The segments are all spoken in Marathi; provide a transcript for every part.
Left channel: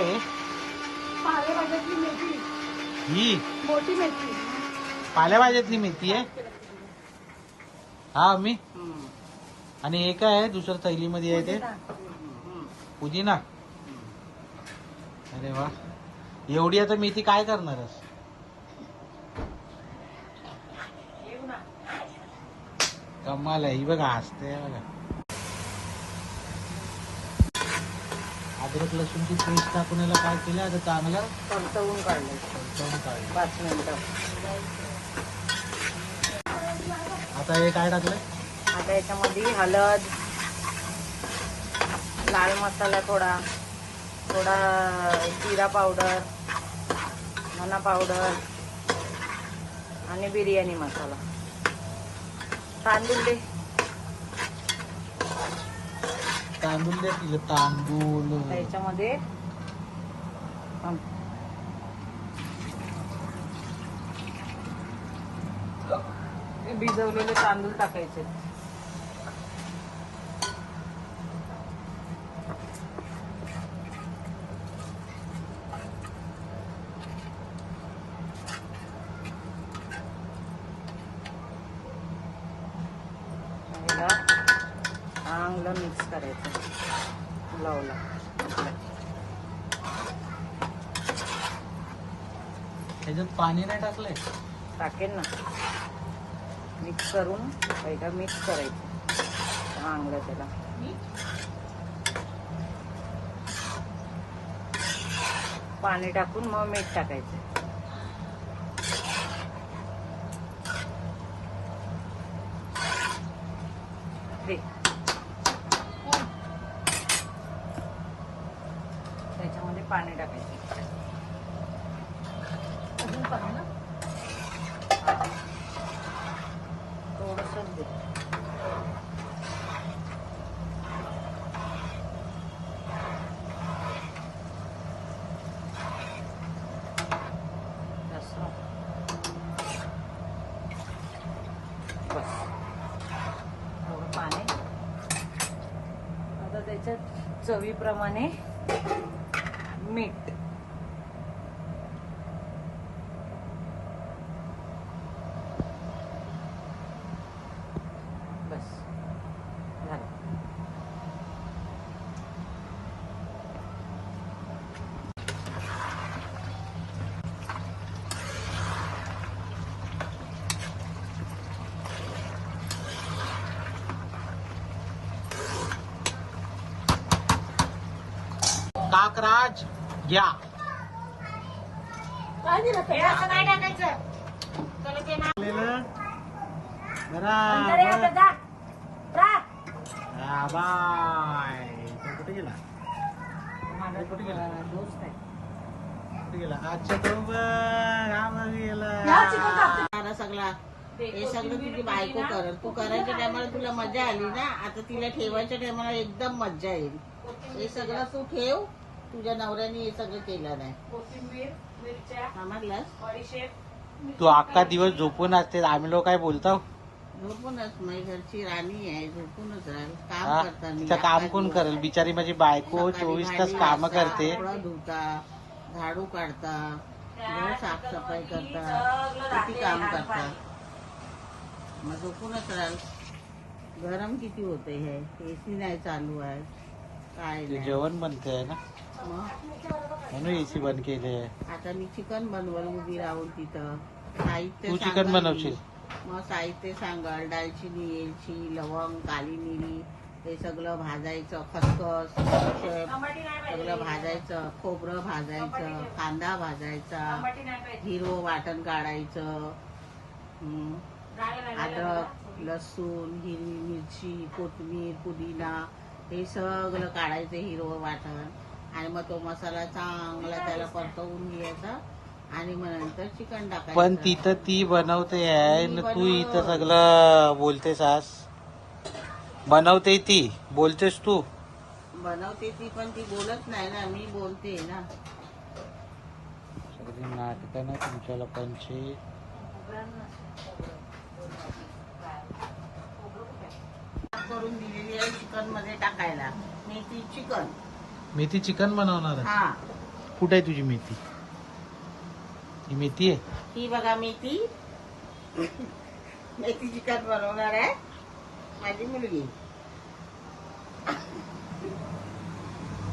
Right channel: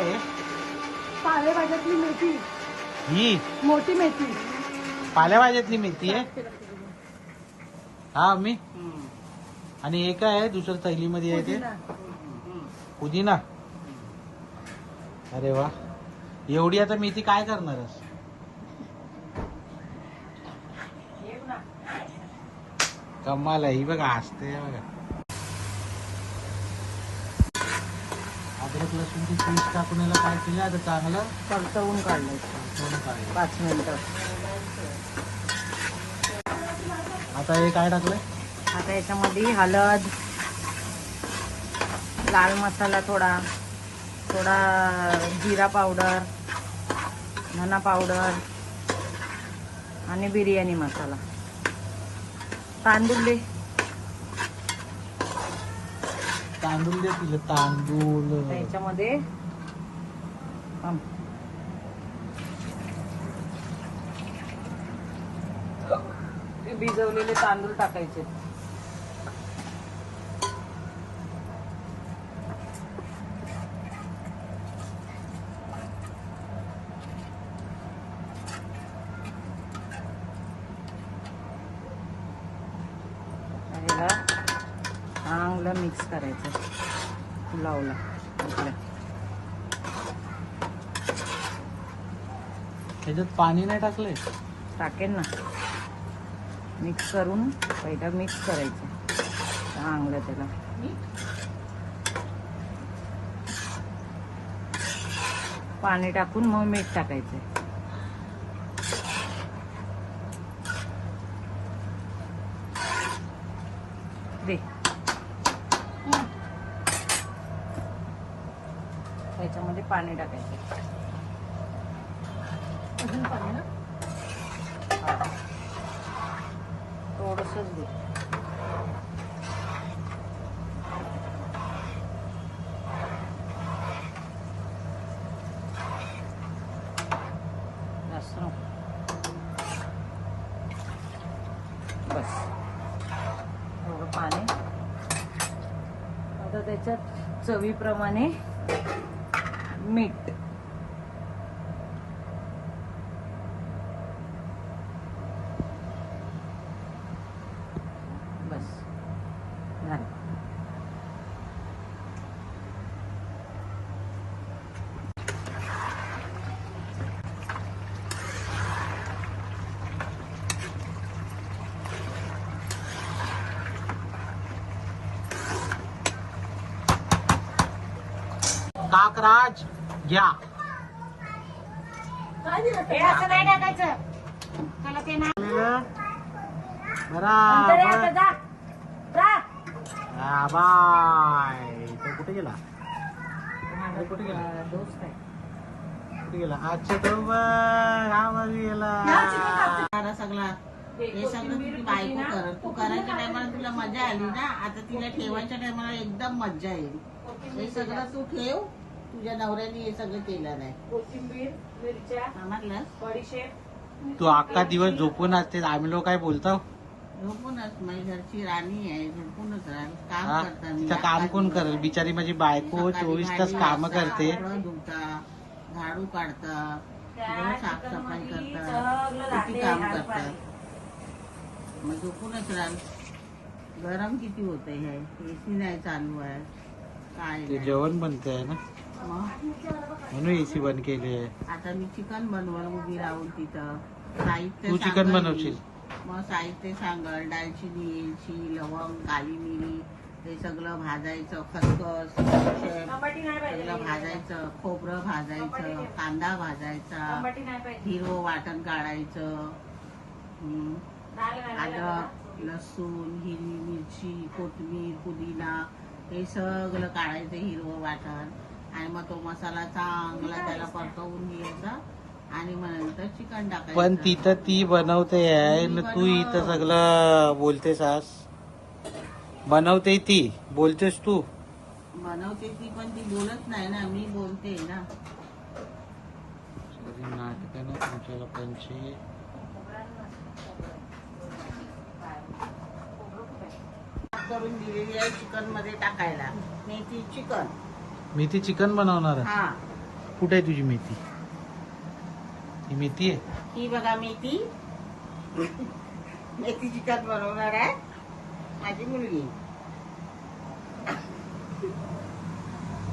काय आहे? पालेभाज्यातली मेथी, ही मोठी मेथी. पालेभाज्यातली मेथी आहे. हा मी आणि हे काय आहे दुसरं थैलीमध्ये आहे ते पुदिना. अरे वा, एवढी आता मेथी काय करणारस? कमाल आहे ही बघा, हसते बघा. अद्रक लसूणची पेस्ट टाकून याला काय केलं आता चांगलं तळतळून काढले. 5 मिनिटं. आता हे काय टाकलंय? आता याच्यामध्ये हळद, लाल मसाला थोडा, जिरा पावडर, धना पावडर आणि बिर्याणी मसाला. तांदूळ तांदूळ द्या तिला, तांदूळ. याच्यामध्ये भिजवलेले तांदूळ टाकायचे. चांगलं मिक्स करायचं. त्याच्यात पाणी नाही टाकलंय? टाकेल ना. मिक्स करून पहिलं मिक्स करायचं चांगलं त्याला. पाणी टाकून मग मीठ टाकायचं. दे त्याच्यामध्ये पाणी टाकायचं. अजून पाणी ना, थोडंसंच दे. असं. बस. थोडं पाणी. आता त्याच्यात चवीप्रमाणे मीठ. काकराज घ्या. बराबर. हा बाय. तो कुठे गेला? कुठे गेला? दोस्त आहे. कुठे गेला? अच्छा तो गेला. सगळा हे सगळं तुझी बायको करत. तू करायच्या टायमाला तुला मजा आली ना, आता तिला ठेवायच्या टायमाला एकदम मजा येईल. हे सगळं तू ठेव. तुझ्या नवऱ्याने हे सगळं केलं नाही. कोथिंबीर, मिरच्या, समजलास? बडीशेप. तू अख्खा दिवस झोपून असते, आम्ही लोक काय बोलतो? झोपूनच. माझी घरची राणी आहे, झोपूनच राहील. हा? काम करता मी. तिचं काम कोण करेल? बिचारी माझी बायको 24 तास काम करते. कपडा धुता, झाडू काढता, घर साफसफाई करता, किती काम करता. मग झोपूनच राहील. गरम किती होते हे, एसी नाही चालू आहे, काय ते नाही. जेवण बनते आहे ना, मग म्हणून एसी बंद केले आहे. आता मी चिकन बनवल उभी राहून तिथं. साहित्य तू चिकन सांगाल बनवशील? मी. मग साहित्य सांगाल. दालचिनी, वेलची, लवंग, काली मिरी, हे सगळं भाजायचं. खसखस, सगळं भाजायचं. खोबरं भाजायचं, कांदा भाजायचा, हिरवं वाटण काढायचं. अद्रक, लसूण, हिरवी मिरची, कोथिंबीर, पुदिना, हे सगळं काढायचं हिरवं वाटण. आणि मग तो मसाला चांगला त्याला परतवून घ्यायचा आणि मग नंतर चिकन टाकायचं. पण तिथं ती बनवते आहे ना, तू इथं सगळं बोलतेस. आज बनवते ती, बोलतेस तू. बनवते ती, पण ती बोलत नाही ना, मी बोलते ना. नाटकं ना तुमच्या लोकांची. करून दिलेली आहे चिकन मध्ये टाकायला. मेथी चिकन. मी ती चिकन बनवणार आहे. हा, कुठे आहे तुझी मेथी? ही मेथी आहे. ही बघा मेथी. मेथी चिकन बनवणार आहे माझी मुलगी.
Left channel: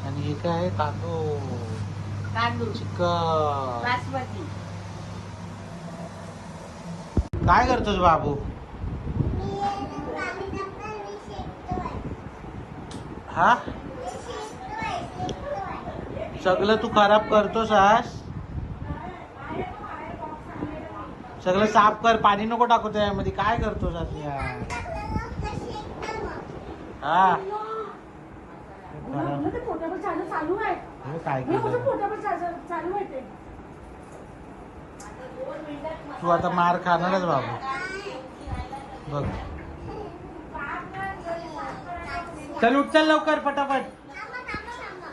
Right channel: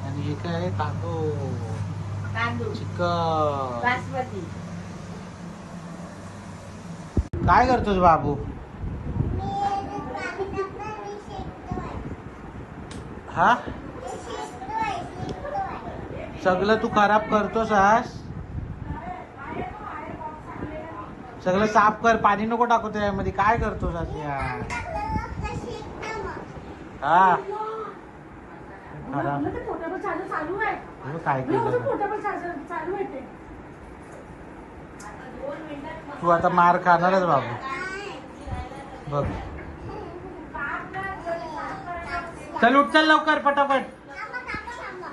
आणि हे काय आहे? तांदूळ चिकन. बासमती. काय करतोस बाबू? हा सगळं तू खराब करतोस आज. सगळं साफ कर, पाणी नको टाकू त्यामध्ये. काय करतोस आज यार? हा खराब. हे काय केलं? तू आता मार खाणारच बाबू. बघ चल उठ, चल लवकर पटापट.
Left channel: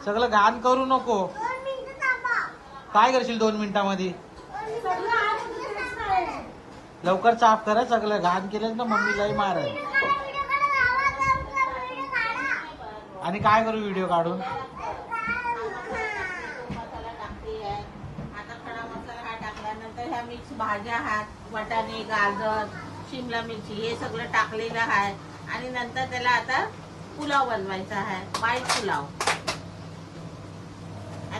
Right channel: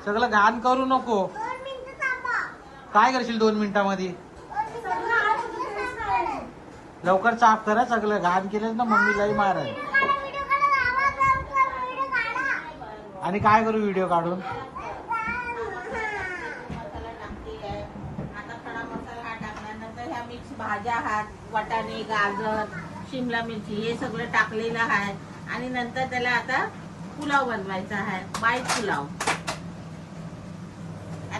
सगळं घाण करू नको. काय करशील 2 मिनिटांमध्ये? लवकर साफ करा. सगळं घाण केलं ना मम्मीलाही मार. आणि काय करू व्हिडिओ काढून? आता खडा मसाला हा टाकल्यानंतर ह्या मिक्स भाज्या आहेत, वाटाणे, गाजर, शिमला मिरची हे सगळं टाकलेलं आहे. आणि नंतर त्याला आता पुलाव बनवायचा आहे, बाईट पुलाव.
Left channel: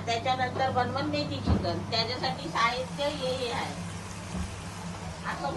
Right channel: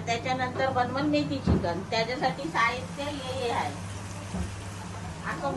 त्याच्यानंतर बनवून मेथी चिकन. त्याच्यासाठी साहित्य हे आहे. असं